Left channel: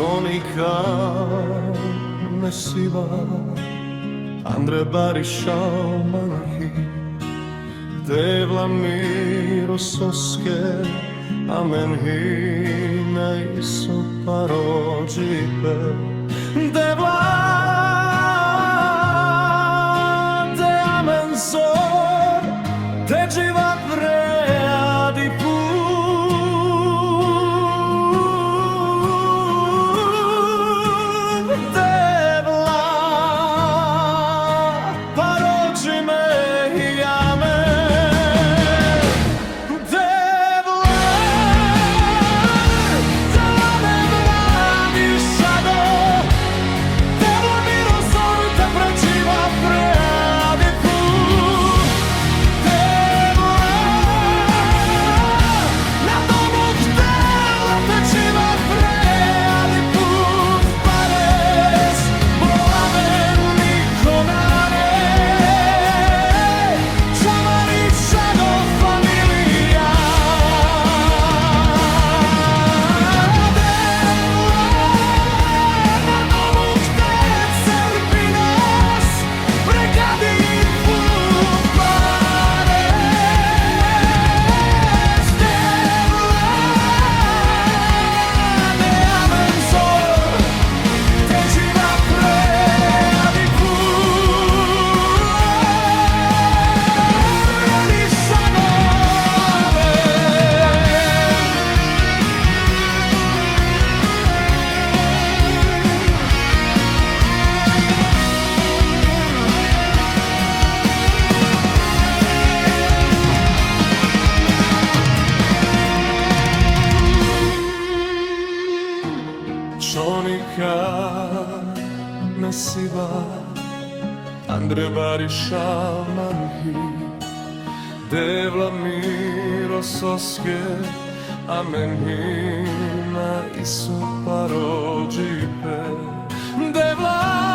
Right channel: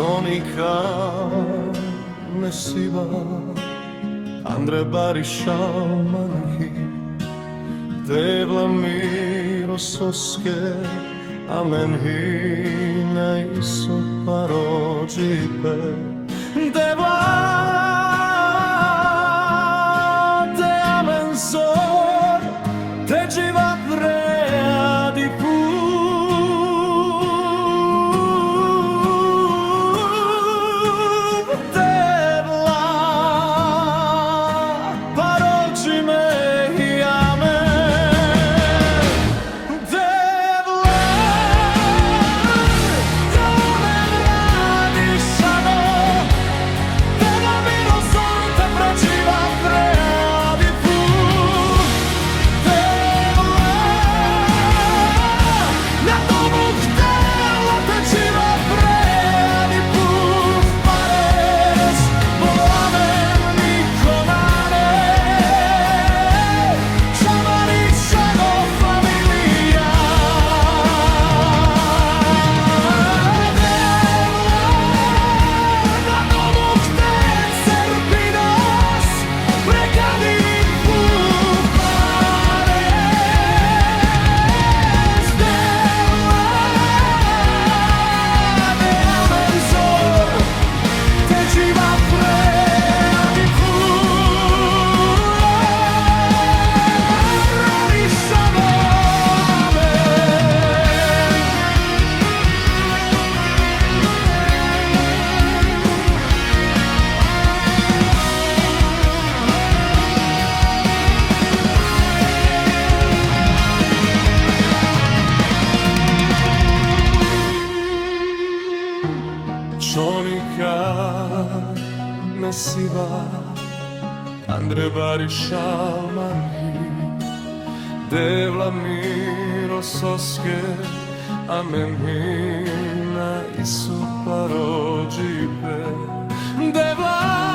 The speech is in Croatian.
Csonika nesiva Andre Barisciao manchi Devla miro soske Amen hina iso parođipe Devla de amen zor Te dživa preadi put Devla parođi me i amen Devla te amen radi šado Devla miro zor te pređiva preadi put Devla na domu htela te dživa preadi put pares bo amen niko nane Čamaričano familija Devla na domu chte Cerpinos pregadi put pares Devla de amen zor te dživa preadi put Radišano Csonika nesiva Andre Barisciao manchi Devla miro soske Amen hina iso parođipe Devla